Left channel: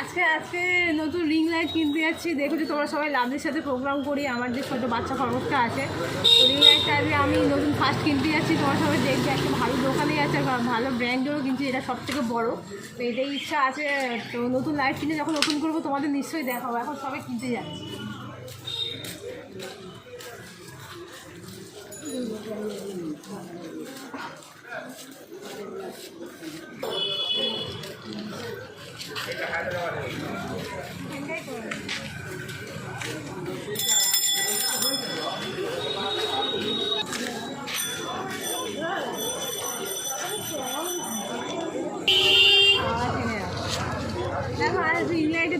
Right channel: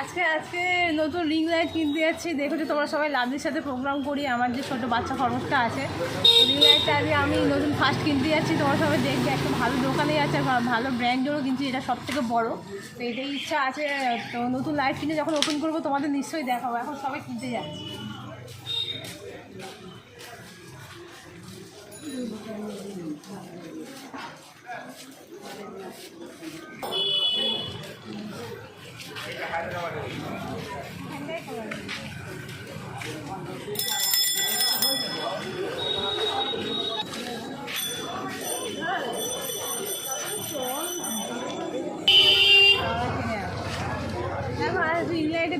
আজকে নতুন ring light কিনতে যাচ্ছি। দেখেছো তোমরা সবাই লাভলির সাথে প্রোগ্রাম করি, আমার যে ছোটো বাচ্চা খরচটা আছে রিং লাইটটা আজকে আমি নতুন ফার্স্ট কিনতে যাচ্ছি। তোমার সবাই দেখবে একটা ভালো দোকানেই আছে, ভালো ব্র্যান্ডেরও, কিন্তু এটা সবথেকে বড়। তো এটাই ইচ্ছা আছে। তো নতুন লাইট কিনে যখন ওপেন করবো তোমাদের নিশ্চয়ই দেখাবো। এখন সবাই কিনতে যাচ্ছি।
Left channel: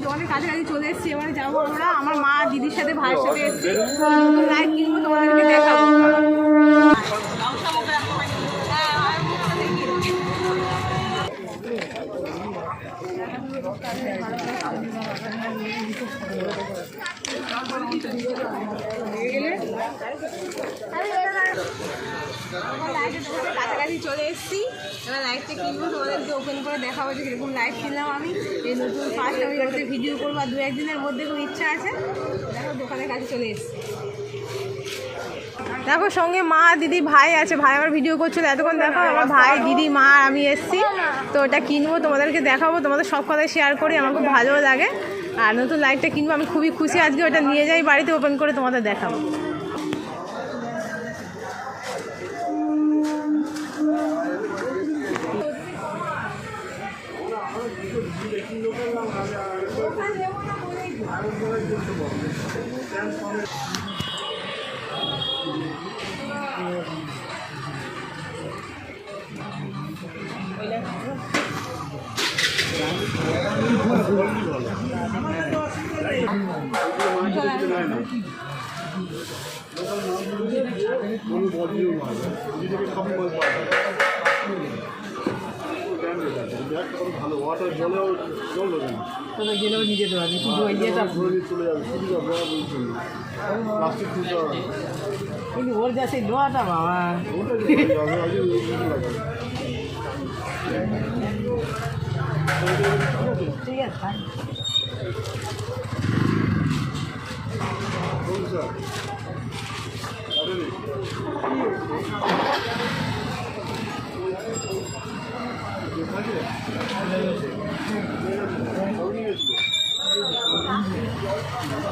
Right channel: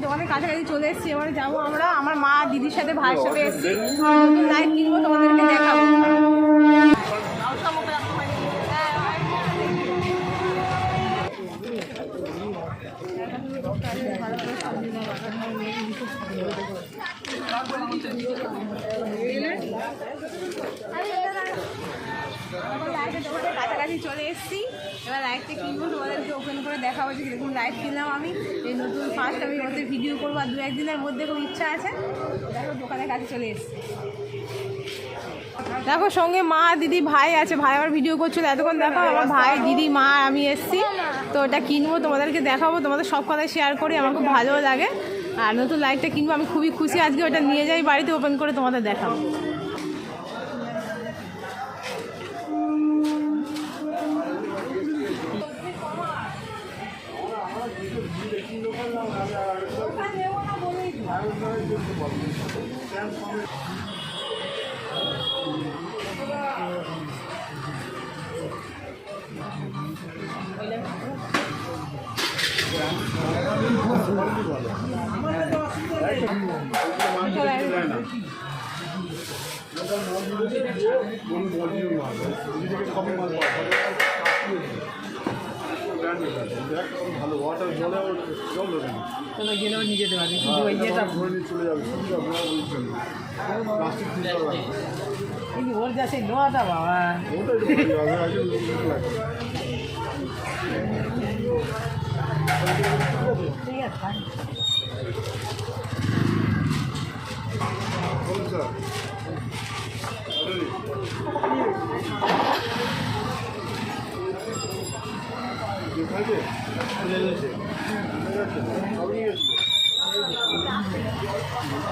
দোকানের কাছাকাছি চলে এসেছি, এবারে যাবো আমরা। আমার মা দিদির সাথে ভাইয়ের সাথে এসেছি, লাইট কিনবো, তোমাদেরকে দেখাবো। কাছাকাছি চলে এসেছি, এবার লাইটটা কিনবো, তোমাদেরকে ওপেন করে দেখাবো যে কীরকম লাইট কিনলাম আমি। এই নতুন ফার্স্ট আমি ওদের ভিডিও করবো, আর 2-1 দিনের মধ্যে খুব ইচ্ছা আছে। দেখো দোকানের কাছে চলে এসেছি। দেখো সঙ্গে মা দিদি ভাই আছে, ভাই আমার ভিডিও করছিল এতক্ষণ। দেখো আমার ভাই দিদি মা আমি এসেছি, তো ওটা কিনবো, তোমাদেরকে দেখাবো। তোমাদের সব কথাই শেয়ার করি, আমার খুব ভালো লাগে। আর নতুন লাইটটা কিনবো, আমি খুবই খুশি। আজকে ওটা নিয়ে যাই বাড়িতে, ওপেন করে তোমাদের দেখাবো। গেলেও নিয়ে যেতে পারি, কিন্তু ওই ইয়েটা কিন্তু ওর যা সেই লোহাটা বাবা, ঠিক আছে।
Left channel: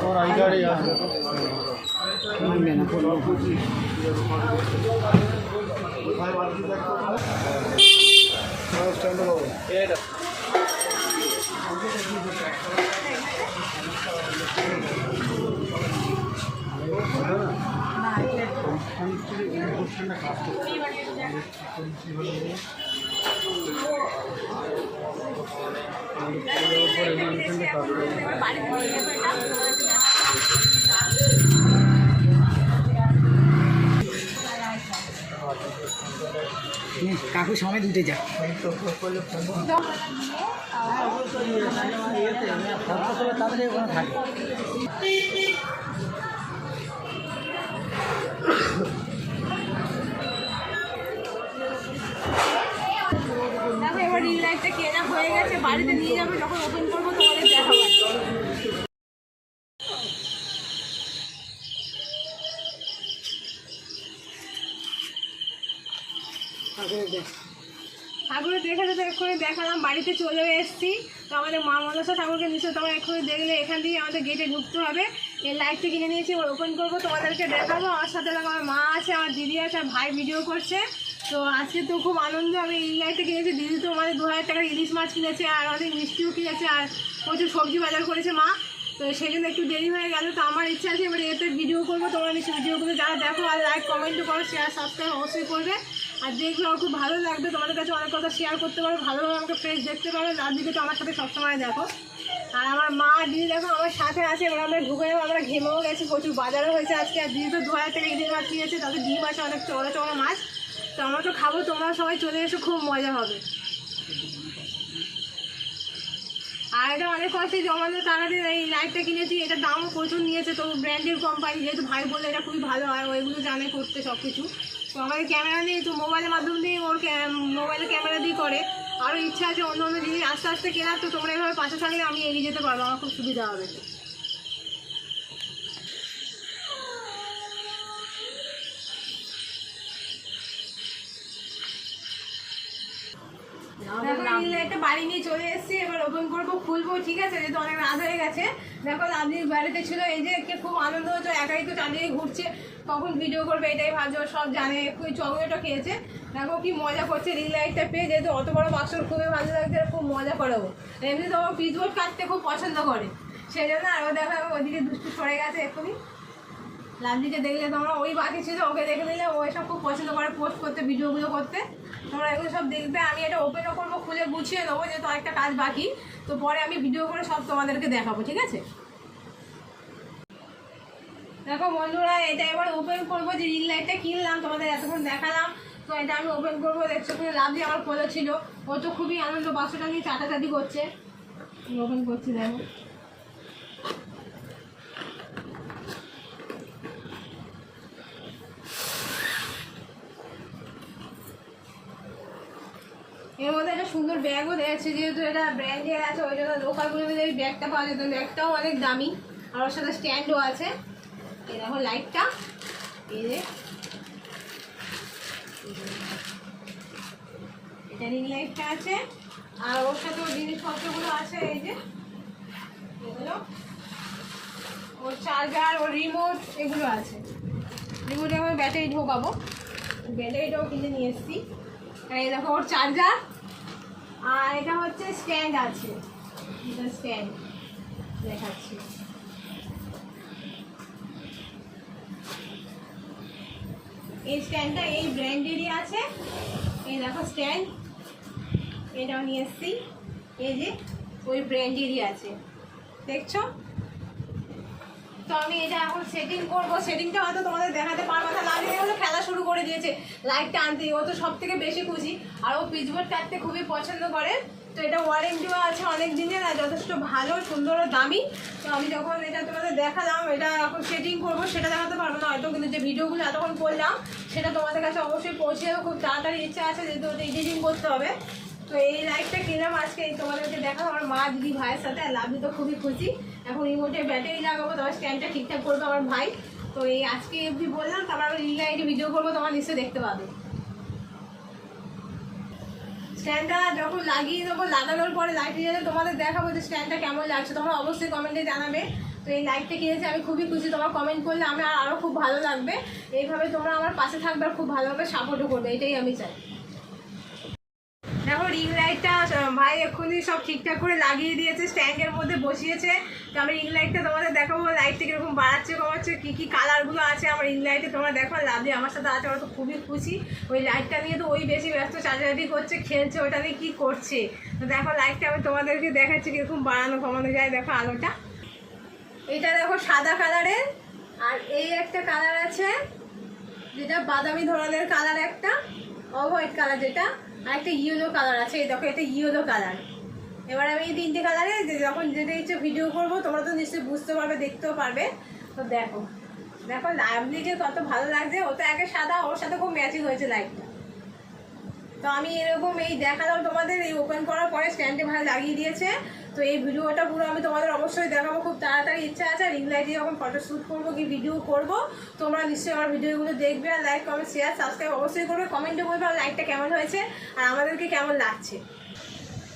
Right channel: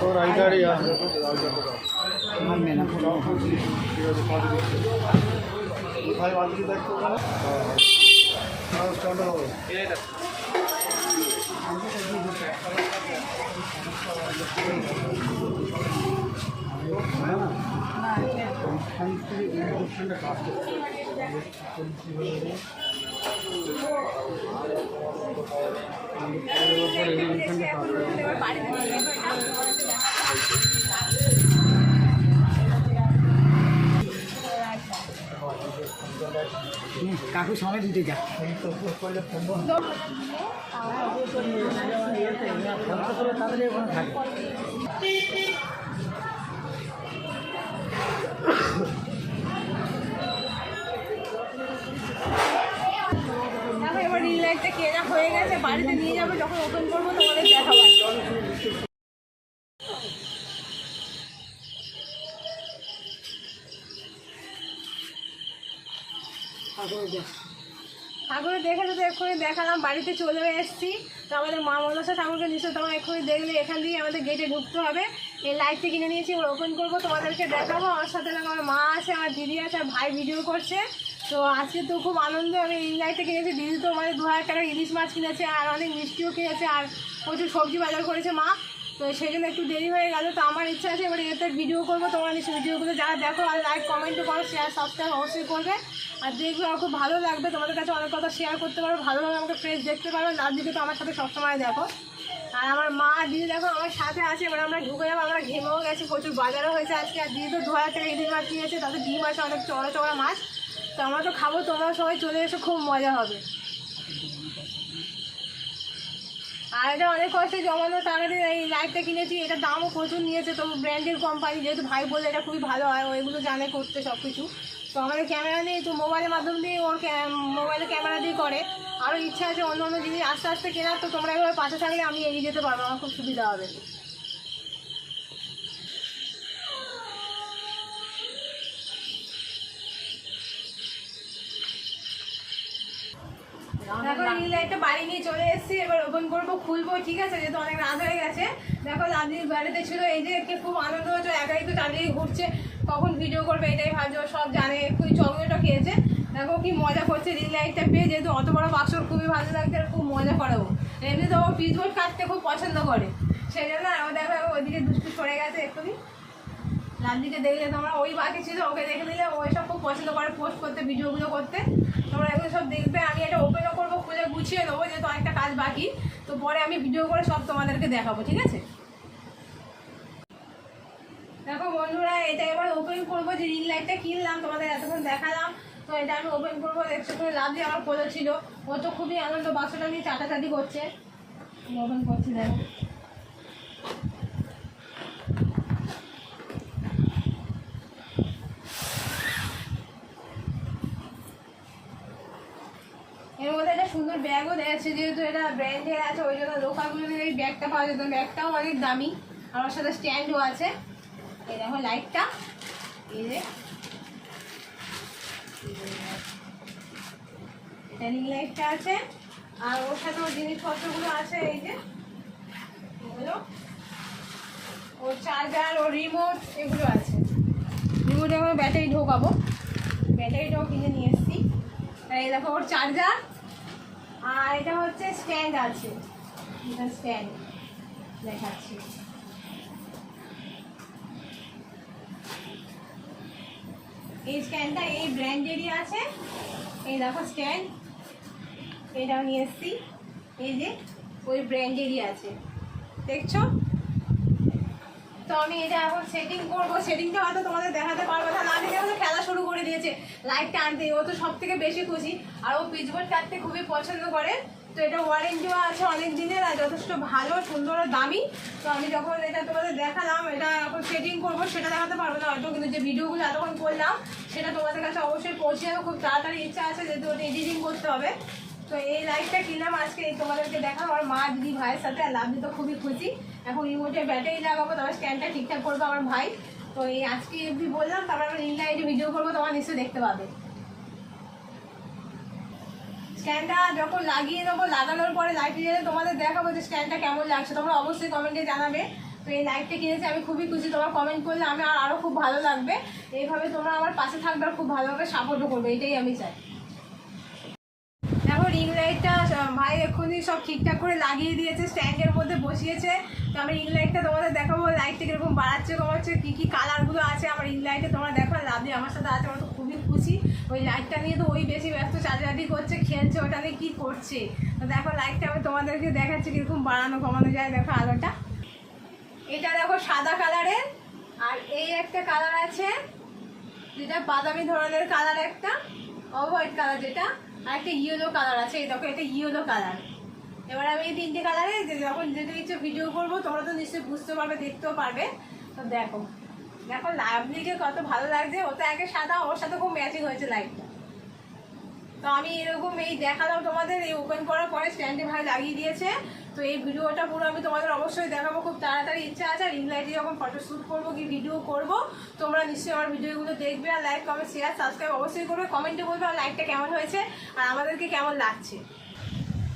और आई गाड़ी यार मानने ना फोटो কাকু সময় দুটে যা তাদের ওখানে থাকে। এবার রিং লাইটটা কেনা হয়ে গেছে, বাড়িতে নিয়ে যাবো, যখন ওপেন করবো তোমাদের দেখাবো। ঠাকুরে দেখেছো তো, এক্ষুনি দেখালাম, বাড়িতে চলে এসেছি। তো আমাদের মা মনসা ঠাকুরকে নিশ্চয়ই তোমরা এক্ষুনি দেখলে। এখান থেকে আমাদের গেটে ঢুকতে হবে। এই লাইটটা কিনে নিয়েছি, ওপেন করবো, তোমাদেরকে দেখাবো। আমার সাথে আমার মা আছে, আমার দিদি আছে, আর ভাই ভিডিও করছে। তো আজকে তো খুব আনন্দ, আমি এই লাইটটা কিনেছি। দিদি তো মানে 2000 টাকার ইলিশ মাছ কিনেছে, আর অনেক মিষ্টিও কিনেছে, আর প্রচুর সবজি বাজার করেছে মা। তো সেই জন্য একটু দেরি হয়ে গেল। তো আমার ইচ্ছা আছে এবারে এতে ভিডিও করবো। তোমরা নিশ্চয়ই ভিডিওগুলো যারা দেখো আর লাইক কমেন্টও করো, শেয়ার সাবস্ক্রাইব অবশ্যই করবে। আর দেখবে আমার খুব ভালো লাগবে, তোমাদের কাছে অনেক কথা শেয়ার করতে পারো, ভালোভাবে আমাকে ফ্রেশ দেখতে পারবে। আর দিদি তো আমার সাথে সবসময় দেখো। আর আমার মা দিদি দেখো আমার সাথে আছে। এবার আমরা ঢুকে যাবো, আমরা ঘেমেও গেছি, প্রচুর বাজারও হয়েছে আজকে। আর দিদি তো 2000 টাকা ইলিশ মাছ নিয়েছে, তাদের ডিম আছে অনেক চড়া চড়া মাছ। তো আমরা তো খাবো, তোমরা সবাই চলে এসে, খুব মজা হবে। আর এটা অনেক কষ্টে জমানো টাকা দিয়ে এই লাইটটা কিনেছি। এটার দামও প্রচুর নিয়েছে, তো ব্র্যান্ডের কোম্পানি, যেহেতু ভাই বলে এটা খুবই ভালো হয়, ওইগুলো জানে করতে সব কিছু। তো আমাদের ক্যামেরা নেই, তো মোবাইলের মাধ্যম দিয়ে ওর মোবাইলে ক্যামেরা দিয়ে করে। আরও ইচ্ছা আছে অন্য অন্য জিনিস আস্তে আস্তে কেনার। তো তোমরা এভাবে পাশে থাকলে আমি এগিয়ে যেতে পারবো, আমার খুব সুবিধা হবে। দেখো রিং লাইটটা বাড়ি নিয়ে চলে এসেছি, এবার ওপেন করবো, খুলবো, ঠিক আছে, যেহেতু অনেক রাত হয়ে গেছে। দেখো লাভলির বাড়িতে ছিল, এই যে একটু খুব আনন্দ হচ্ছে, একাই তো চারিদিকে ঘুরছে, কখন ভিডিও করবে এটাই ভাবছে, ও সব জানে, খুবই চকলেটও খেয়েছে। দেখো কি মজা করছে রিং লাইটটা পেয়ে, যেহেতু অত বড় বাক্স খুবই ভালো লাগছে, আর খুব মজা করে ও। এমনি তো ও পিচবোর্ড কাটতে খুব পছন্দ করে, সেই জন্য। আর ও দেখো ওইদিকে দুষ্টু সরে গেছে এক্ষুনি। লাভলিকে দেখলে তোমরা, ওই বাকি ছিল, ওকে দেখে দিলে, ওই সব খুব পছন্দ করে পোস্ট করতে, ভিডিওগুলো করতে। তোমরা এগুলো সব দেখবে, আমি এটা ওপেনও করবো, খুলে গুছিয়ে দেবো, যেহেতু অনেকটা কাজ বাকি। তো পরে আমি ভিডিও করে সব তোমাদেরকে দেখাবো, ঠিক আছে। দেখো বন্ধুরা, এটা এবার ওপেন করবো, যে রিং লাইটটা কিনলাম তোমাদের এতক্ষণ দেখালাম। তো এটা আমি ওপেন করবো। দেখছো খুবই লাভলি আমার কোলে ছিল, ও তো খুবই আনন্দ, বাক্সটা নিয়ে চাটাচাটি করছে। ওপেন করছি, দেখো। এর মধ্যে একটা সুন্দর ব্যাগও দিয়েছে, যেহেতু এটা ব্র্যান্ডের আছে, ওই জন্য লোকালগুলো নিলে এই ব্যাগটা পাওয়া যেত। ব্যাগটাও অনেক দামি, আর ওর সাথে স্ট্যান্ডও আছে। এই দেখো লাইটটা, এই যে এটা রিং লাইটটা আছে, আর ওর সাথে ওর জিনিসপত্রগুলো আছে। এই যে এগুলো, ওর চার্জার, ওর রিমোট, এগুলো আছে। রিমোটে আমি ব্যাটারি ঢোকাবো, ব্যাটারিটাও কিনে নিয়ে এসেছি। আর এই দেখো ওর চার্জার, আর এটা হচ্ছে স্ট্যান্ড আছে, এটা স্ট্যান্ড দেখাচ্ছি। এই স্ট্যান্ডটা এই ব্র্যান্ডেরই আছে। এই দেখো স্ট্যান্ড, এটাও নিয়ে এসেছি, এই যে ওই ব্র্যান্ডেরই আছে, দেখছো। তো আমি এটা এখন সেটিং করবো, সেটিংটা হয়তো তোমাদের দেখাতে পারবো না। লাগে হলে খেলা শুরু করে দিয়েছে লাইটটা আনতে, ও তো সব থেকে বেশি খুশি, আর ও পিচবোর্ড কাটতে খুবই পছন্দ করে। তো এটা ওয়ারেন্টিও আছে অনেক দিনের, আর যথেষ্ট ভালো, সুন্দর, দামি। তো আমি যখন এটা তোমাদের দেখালাম, এটা এখন সেটিং করবো, সেটা দেখাতে পারবো না হয়তো, কিন্তু যে ভিডিওগুলো এতক্ষণ করলাম সেটা তোমাদের কাছে অবশ্যই পৌঁছে যাবে। খুব তাড়াতাড়ি ইচ্ছা আছে, যেহেতু ওটা এডিটিং করতে হবে। তো এই লাইটটা কিনলাম আজকে, এই তোমাদেরকে দেখাবো আমার মা, দিদি, ভাইয়ের সাথে। আর লাভলি তো খুবই খুশি। এখন রিমোটের ব্যাটারি লাগাবো, তোমার স্ট্যান্ডটা ঠিকঠাক করবো আমার ভাই। তো এই আজকে অবধি বললাম, তারপর আমি রিং লাইটে ভিডিও করবো, তোমার নিশ্চয়ই দেখতে পাবে। স্ট্যান্ডটা যখন লাগিয়ে নেবো, লাগানোর পরে লাইটে যেতে তোমাদের দেখাবো যে স্ট্যান্ডটা কেমন লাগছে, তোমরা অবশ্যই কমেন্টে জানাবে। তো এই লাইটটা কিনেছি আমি খুবই খুশি, তোমরা কমেন্ট করলে আমি আরও খুব ভালো লাগবে। এইভাবে তোমরা আমার পাশে থাকবে, আর খুব ভালোভাবে সাপোর্টও করবে, এটাই আমি চাই। দেখো রিং লাইটটা ভাই এক্ষুনি সব ঠিকঠাক করে লাগিয়ে দিয়েছে, স্ট্যান্ডের মধ্যে বসিয়েছে। তো আমি রিং লাইটটা তোমাদের দেখাবো, লাইটটা কীরকম বাড়াচ্ছে কমাচ্ছে, কী কী কালারগুলো আছে আমার রিং লাইটে তোমরা দেখো। লাভলি আমার সাথে আছে, ওরা তো খুবই খুশি। ওই লাইটটা নিয়ে তো ওই বেশি ব্যস্ত, চাটাচাটি করছে, খেলছে, ওটা নিয়ে কী করছে। তো দেখো লাইটটা আমি তোমাদেরকে দেখাচ্ছি কীরকম বাড়ানো কমানো যায়। দেখো আলোটা, এটা দেখো সাদা কালারের, আর এই একটা কালার আছে যেটা বাদামি ধরনের কালার, একটা হোয়াইট কালার যেটা, আর একটা ইয়েলো কালার আছে। এই দেখো এটা ইয়েলো কালার। এবার আমি এই তিনটে কালারে যখন যেটা ইচ্ছে ভিডিও করবো, তোমরা তো নিশ্চয়ই বুঝতে পারবে, দেখতেও পারবে। তো দেখো দেখো লাভলিকে কত ভালো লাগছে, ও তো একে সাদা, ওর সাথে খুব ম্যাচিং হয়েছে লাইটটা। তো আমি এরকম এই দেখালাম তোমাদের, এই ওপেন করার পরে স্ট্যান্ডে ভাই লাগিয়ে দিয়েছে। তো এই ভিডিওটা পুরো আমি তোমাদের অবশ্যই দেখাবো, খুব তাড়াতাড়ি ইচ্ছা আছে। রিং লাইটে যখন ফটো শ্যুট করবো কি ভিডিও করবো, তোমরা নিশ্চয়ই আমার ভিডিওগুলো দেখবে, আর লাইক, কমেন্ট, শেয়ার, সাবস্ক্রাইব অবশ্যই করবে। কমেন্টে বলবে আর লাইটটা কেমন হয়েছে, আর আমাদেরকে কেমন লাগছে।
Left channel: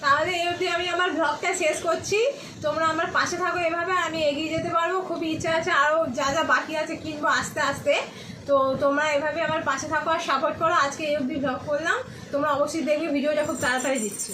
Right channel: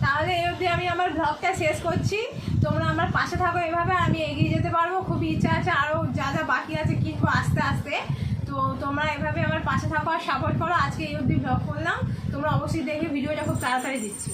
তাহলে এই অবধি আমি আমার ব্লগটা শেষ করছি। তোমরা আমার পাশে থাকো, এভাবে আমি এগিয়ে যেতে পারবো। খুবই ইচ্ছা আছে, আরও যা যা বাকি আছে কিনবো আস্তে আস্তে। তো তোমরা এভাবে আমার পাশে থাকো আর সাপোর্ট করো। আজকে এই অবধি ব্লগ করলাম, তোমরা অবশ্যই দেখবে, ভিডিওটা খুব তাড়াতাড়ি দিচ্ছি।